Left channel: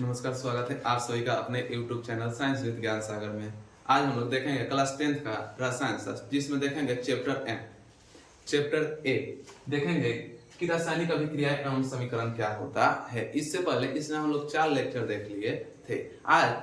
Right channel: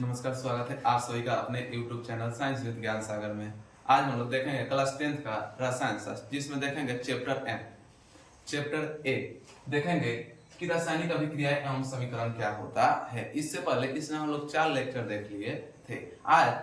नमस्कार, स्वागत है आप सभी का अपने YouTube चैनल साइंस विद ज्ञान सागर में। आज हम लोग देखेंगे क्लास 10th का रसायन शास्त्र, जिसमें देखेंगे चैप्टर ए देखेंगे कि रासायनिक अभिक्रिया एवं समीकरण क्या होता है। इससे पहले इसमें हम लोग 4 लेक्चर देख लिए थे। आज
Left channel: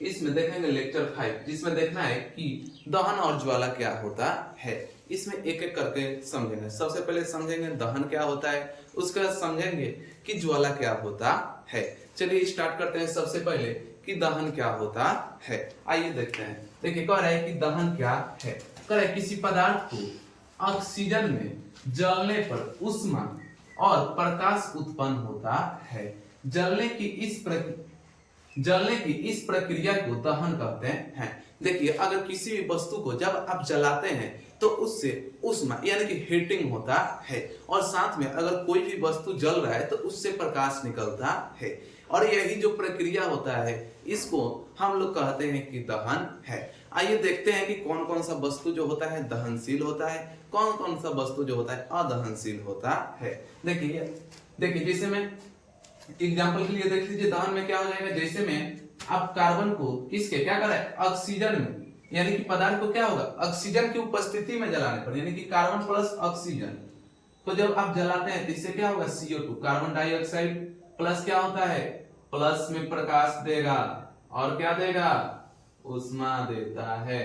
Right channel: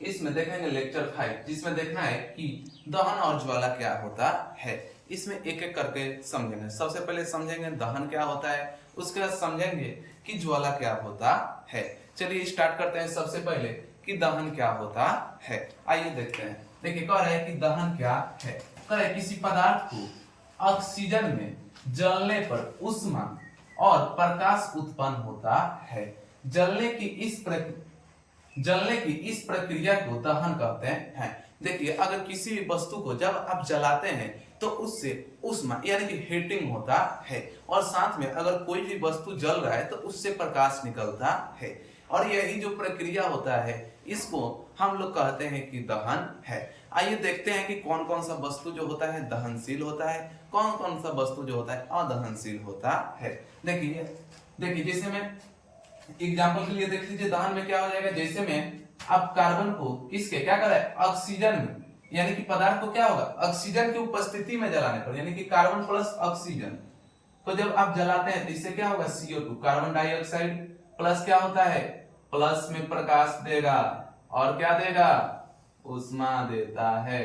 इसमें देखेंगे लेक्चर 5, जिसमें देखना है कि दहन और ज्वाला क्या होता है। इसमें एक एक करके समझेंगे। सबसे पहले समझेंगे दहन क्या होता है, उसके बाद समझेंगे कि ज्वाला क्या होता है। चलिए स्टार्ट करते हैं। सबसे पहले कि दहन क्या होता है, आइए देखते हैं। देखिए कह रहा है कि दहन क्या है। कह रहा है किसी पदार्थ को ऑक्सीजन में जलने पर ऊष्मा और प्रकाश उत्पन्न होता है। जलने की इस प्रक्रिया को दहन कहते हैं। देखिए अगर किसी भी वस्तु को जब आप जलाते हैं तो उससे ऊष्मा यानी कि हीटिंग होता है, और साथ में अगर कोई भी वस्तु जल रहा है तो उससे प्रकाश निकलता है, और यही जो प्रक्रिया होता है इसको हम लोग कहते हैं कि दहन है। आइए देखते हैं कि कौन कौन सा वस्तु जो होता है दहनशील होता है, कौन कौन सा वस्तु जो होता है अदहनशील होता है। देखिए जैसे में एग्जाम्पल के लिए देख लीजिए, दहन में क्या हो जाएगा। जैसे में आप कार्बन को किसके क्या कर रहे हैं, ऑक्सीजन में, यानी कि पदार्थ को क्या होगा ऑक्सीजन की उपस्थिति में जलाने पर, यानी कि कार्बन प्लस ऑक्सीजन को जब आप जलाते हैं तो इससे क्या होगा CO2 कार्बन डाइऑक्साइड प्लस क्या होता है, प्लस में प्रकाश देगा और क्या देगा ऊष्मा देता है।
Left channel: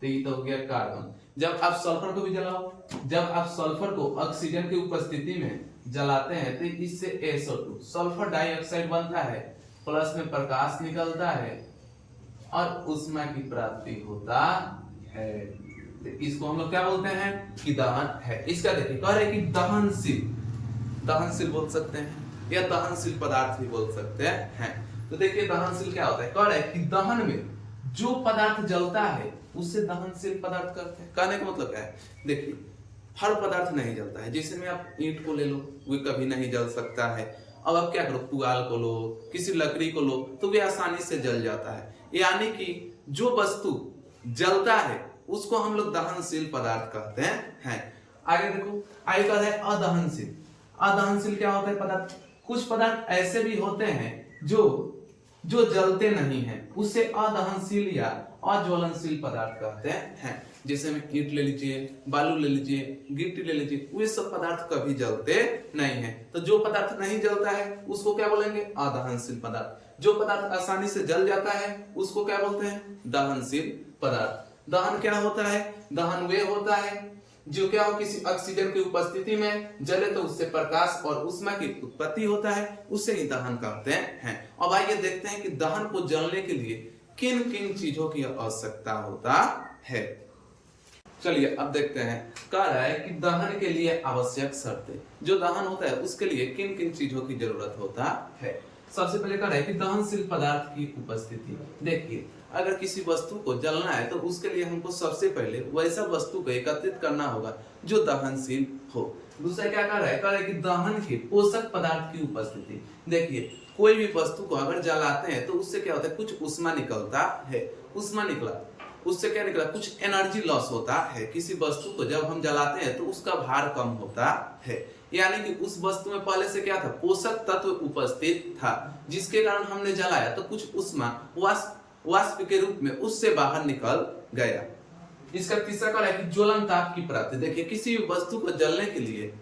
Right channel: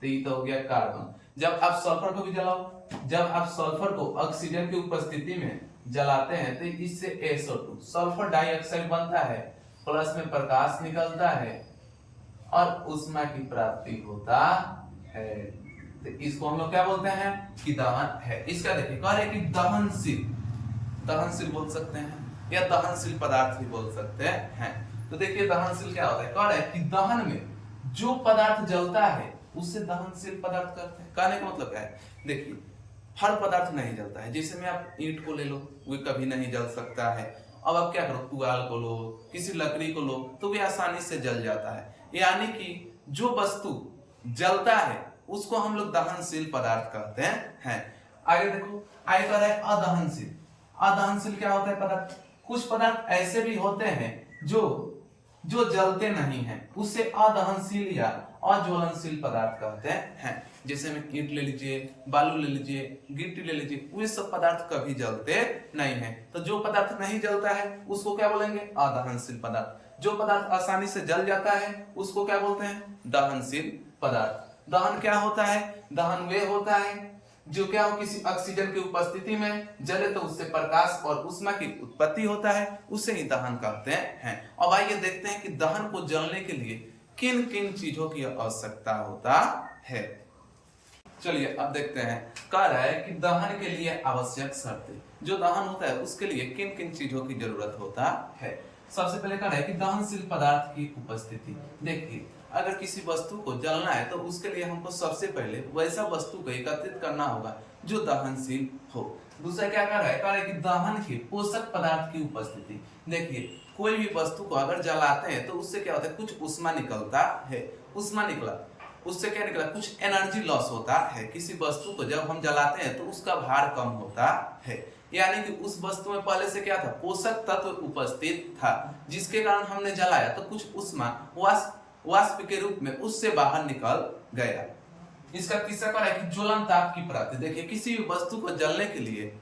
तो ये तो हो गया कार्बन। जब आप सल्फर को भी जलाओ, जब आप सल्फर को ऑक्सीजन की उपस्थिति में जलाते हैं तो इससे SO2 सल्फर डाइऑक्साइड बनता है, प्लस में प्रकाश निकलता है और ऊष्मा की प्राप्ति होता है। तो इसको हम लोग क्या बोलते हैं कि दहन है। इसका देखिए कह रहे हैं कि दहनशील बोल सकते हैं या दहनशील पदार्थ भी बोल सकते हैं। तो देखिए दहनशील क्या होता है। कह रहे हैं कि दहन में जो पदार्थ जलता है उससे दहनशील पदार्थ करते हैं। कहने का मतलब क्या है, देखिए हर पदार्थ नहीं जलता है। जैसे में आप ईंट को ले लो, वो कभी नहीं जल सकता है। अब आप क्या करो, पुआल को लो, किसी लकड़ी को लो तो वे आसानी से जल जाता है। यानी कि जो वस्तु जलता है उसको हम लोग दहनशील पदार्थ कहते हैं। आगे देखो, आगे कह रहे हैं अदहनशील। अदहनशील क्या होता है पदार्थ, कुछ पदार्थ ऐसे भी होते हैं जो जलते नहीं हैं, उसे अदहनशील या अज्वलनशील पदार्थ कहते हैं। जैसे में ईंट ले लीजिए, बालू ले लीजिए, गिट्टी ले लीजिए, वे सब पदार्थ कभी जलते नहीं हैं। तो जो पदार्थ नहीं जलता है उसको क्या बोलेंगे अदहनशील पदार्थ। जो पदार्थ आसानी से जल जाता है उसको क्या बोलते हैं दहनशील पदार्थ। दहन क्या होता है, दहन वे होता है जो क्या हो किसी ऑक्सीजन की उपस्थिति में जले तो उससे प्रकाश और ऊष्मा की उत्पत्ति होता है, उसे ही दहन कहते हैं। अब आइए देखते हैं कि दहन को जलने के लिए किन किन चीजों की आवश्यकता होता है। चलिए अब देखते हैं। कह रहा है कि दहन के लिए आवश्यक शर्तें, जो दहन होता है उसके लिए किन किन चीजों की जरूरत होता है। सबसे पहले कह रहा है कि दहनशील पदार्थ की उपस्थिति। देखिए अगर किसी वस्तु को जलना है तो उसके लिए हमको सबसे पहले वैसा वस्तु को एकत्रित करना होगा जो दहनशील हो। दूसरा क्या कह रहा है, कह रहा है कि दहन के पोषक पदार्थ की उपस्थिति। देखिए कोई भी वस्तु को अगर जलाते हैं तो उससे क्या होता है, कुछ ऊष्मा निकलता है। ऊष्मा निकला, उससे क्या निकला, कुछ एनर्जी लॉस होता है। किसी वस्तु को जब हम जलाते हैं तो उसका भार कम होता है, यानी कि उस वस्तु में पहले से क्या था, पोषक तत्व उपस्थित था, जिसके कारण हमने जलाया तो कुछ ऊष्मा वाष्प के रूप में उससे बाहर निकल गया। इसका तीसरा कह रहा है कि ज्वलन ताप की प्राप्ति। देखिए किसी भी वस्तु को जलने के लिए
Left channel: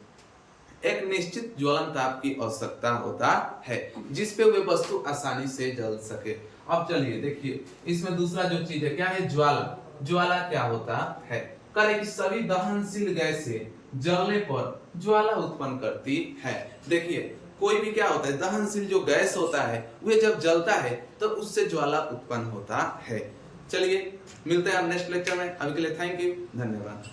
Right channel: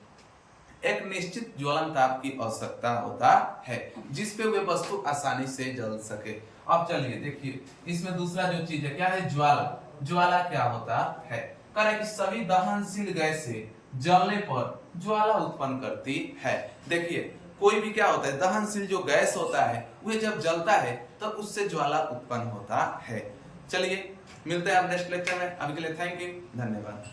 एक निश्चित ज्वलन ताप की आवश्यकता होता है, जिसपे वे वस्तु आसानी से जल सके। अब चलिए देखिए इसमें दूसरा जो चीज है क्या है, ज्वाला। ज्वाला क्या होता है, कह रहे कि सभी दहनशील गैसें जलने पर ज्वाला उत्पन्न करती है। देखिए कोई भी क्या होता है, दहनशील जो गैस होता है वह जब जलता है तो उससे ज्वाला उत्पन्न होता है। चलिए मिलते हैं अब नेक्स्ट लेक्चर में। अभी के लिए थैंक यू, धन्यवाद।